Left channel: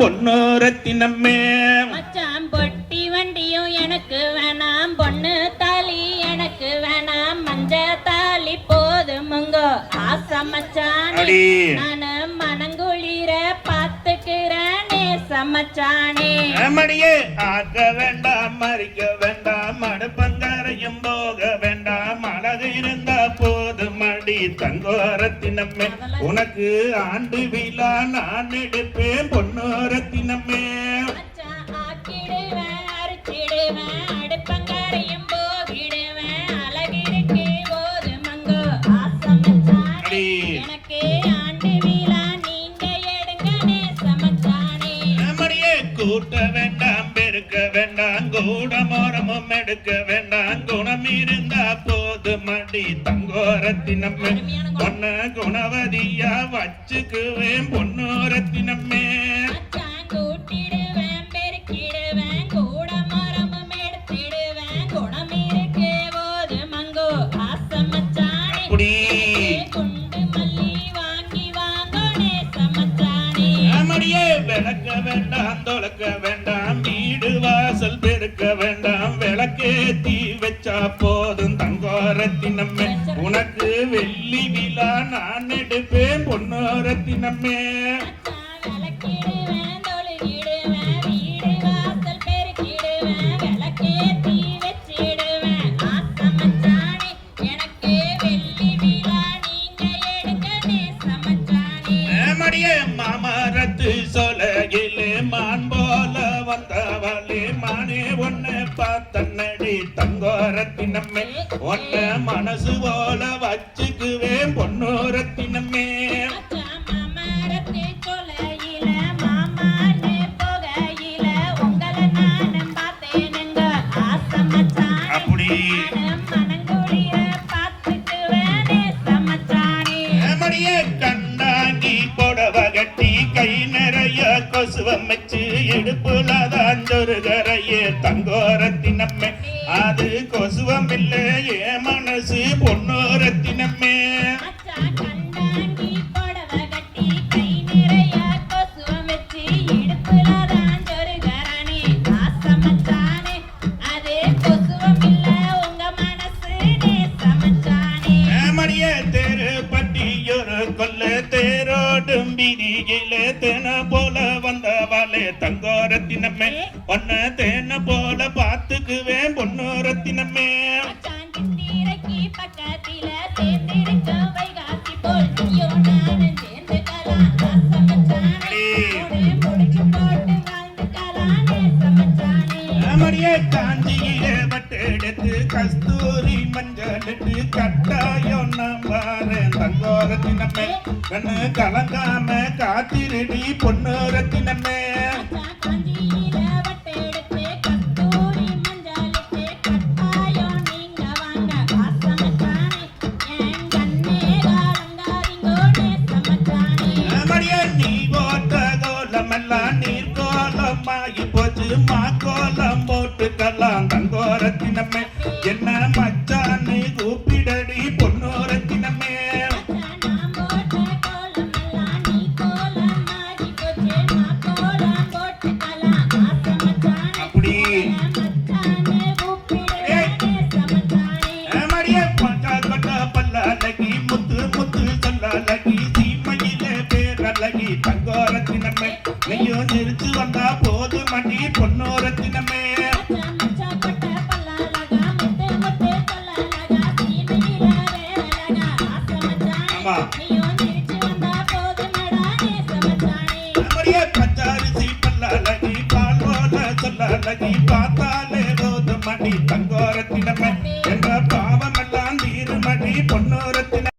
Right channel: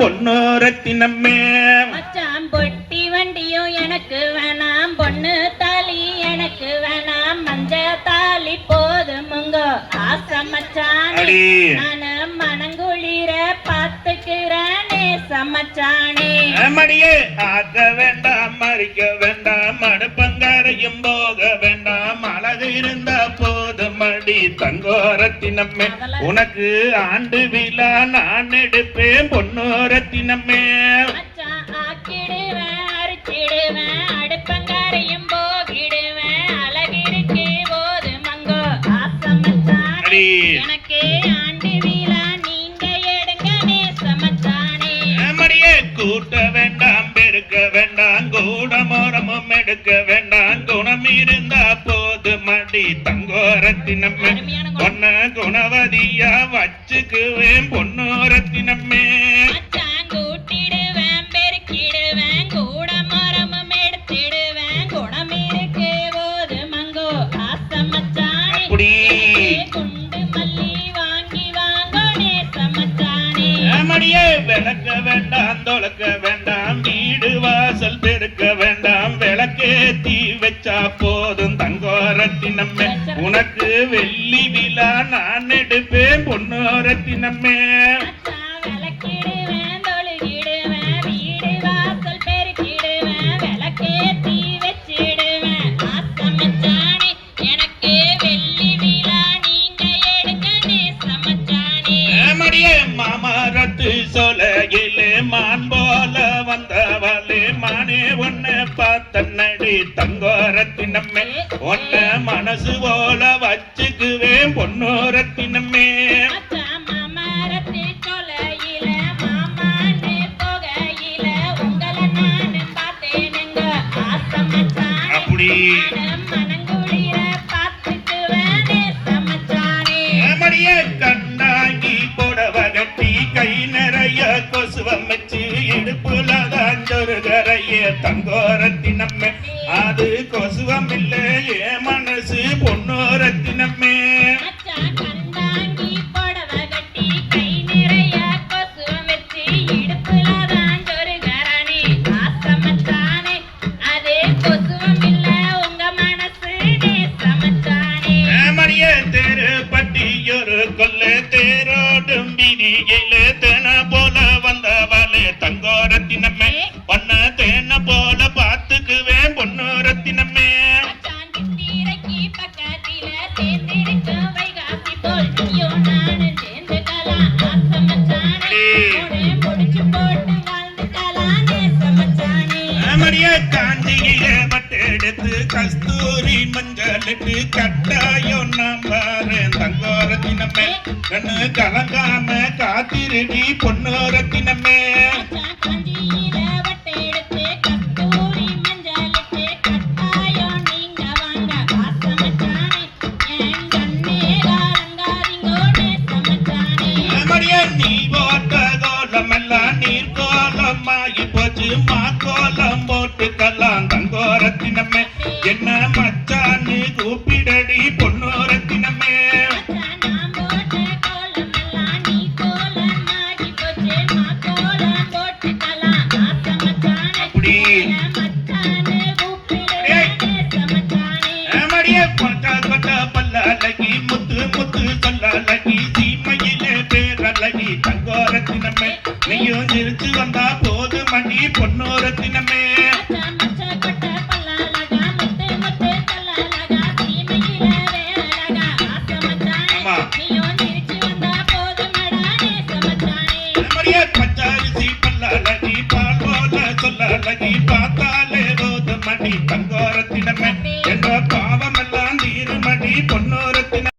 பொன்னோரத்தினமே மச்சான் பொட்டி வண்டியும் எனக்கு வேணாம், பொண்ணு தாலி எனக்கு வேணாம், மஞ்ச தாலி போதுமுங்கோ ஆசை மச்சானே. நானு மனங்குளிர பாத்துக்கிறேனே சமச்சானே. மடியே ஆக்க வேண்டாம், மறிக்க வேண்டாம், அடுப்பங்கரையும் போக வேண்டாம், அழகு இருந்தா போதும் மடி தங்கோரத்தினமே. உனக்கு ஆண்டு விழா நான் எடுப்பேன் பொன்னோரத்தினமே. ஆக்கிடுவேன் அரிச்சிடுவேன் அடுப்பங்கரையும் போகிடுவேன், அழகிருக்கு போது மங்கோ ஆசை மச்சானே. எனக்கு ஆண்டு விழா நீங்க எடுங்க நேசமச்சானே. மடியே கூட்ட வேண்டாம், பெருக்க வேண்டாம், கூடமோரமும் எடுக்க வேண்டாம், குணம் இருந்தா போது மடி தங்கோரத்தினமே. பொன்ன குணவதியா வச்சுக்குவேன் பொன்னோரத்தினமே. கூட்டிடுவேன் பெருக்கிடுவேன் கூடமரமும் எடுத்திடுவேன், குணம் இருக்கு போது மங்கோ ஆசை மச்சானே. குண்டு மல்லி வாங்கி வாங்கோ நேசமச்சானே. மடியே விளக்க வேண்டாம், தொலைக்க வேண்டாம், வீடு வாசல் பெருக்க வேண்டாம், விளக்கேத்தி வச்சா போதும் தங்கோரத்தினமே. உனக்கு வெள்ளி விழா நான் எடுப்பேன் பொன்னோரத்தினமே. விளக்கிடுவேன் தொழுகிடுவேன் வீடு வாசல் பெருக்கிடுவேன், விளக்கேத்தி வச்சிடுவேன் ஆசை மச்சானே. எனக்கு வெள்ளி விழா நீங்க எடுங்க நேசமச்சானே. மடியே மாமரத்து சொலையிலே மான் போல வந்தவளே, மானே உன்னை பார்த்தன்னடி தங்கோரத்தினமே. உன்ன மனசு போல வச்சுக்குவேன் பொன்னோரத்தினமே. மாமரத்து சொலையில மாமானே போகையில உங்களை நானும் பார்த்தேனுங்க ஆசை மச்சானே. மனங்குளிர பார்த்துக்குவேன் நேசமச்சானே. மடியே கண்ணாங்கி போடவ கட்டி கை நிறைய கொசுவம் வச்சு இடுப்புல தான் சொருகரையே தங்கோரத்தினமே. அது கொசுவம் இல்லை என் மனசு பொன்னோரத்தினமே. கண்ணாங்கி புடவ கட்டி கை நிறைய கொசுவம் வச்சு இடுப்புல தான் சொருகரணே ஆசை மச்சானே. அது கொசுவம் இல்ல உங்க மனசு நேசமச்சானே. மடியே தேரு பட்டியொரு கொல்ல தேரோடும் பிடியில தேன போல வந்தவளே தங்கோரத்தினமே. பொன்ன தேன போல பார்த்துக்குவேன் பொன்னோரத்தினமே. சித்திரைக்கு பக்கத்தில சேர்ந்திருக்க வைகாசி போல் நீயும் நானும் சேர்ந்துக்கலாம் ஆசை மச்சானே. முடிச்சு போட்டு வாழ்ந்துக்கலாம் நேசமச்சானே. மடியே காஞ்சியில வட்டெடுத்து கஸ்தூரி மஞ்சளிட்டு கட்டாயம் நான் வாரேன் தங்கோரத்தினமே. கண்ணு கலங்காம காத்திருடி பொன்னோரத்தினமே. காஞ்சியில வட்டெடுத்து கஸ்தூரி மஞ்சளிட்டு கட்டாயம் நீங்க வாங்க ஆசை மச்சானே. என் கண்ணே காலங்காரிங்கோ நேசமச்சானே. மடியே நீ போட்ட கோலமெல்லாம் நீர் கோலமாகி போச்சு, மா கோலம் போட்டுக்கலாம் தங்கோரத்தினமே. என்ன மச்சான்னு கூப்பிடடி பொன்னோரத்தினமே. நான் போட்ட கோலமெல்லாம் நீ கோலமாகி போச்சு, மா கோலம் போட்டுக்கலாம் ஆசை மச்சானே. மச்சானே கூப்பிடுவேன் நேசமச்சானே. மடியே கொட்ட கொட்ட பல்லழகி முத்து முத்து சொல்லழகி சீமையிலே பேரழகி தங்கோரத்தினமே. நீயும் நிறுத்து வந்தா போது மணி பொன்னோரத்தினமே. மச்சா கொட்ட பல்லழகா முத்து முத்து சொல்லழகா சீமையில வேறழகா ஆசை மச்சானே. நீயும் நிறுத்து வந்தா போதுமடா நேசமச்சானே. மடியே பச்சரிசி பல்லழகி பால் போல சொல்லழகி பார்த்தாலே போது மணி தங்கோரத்தினமே.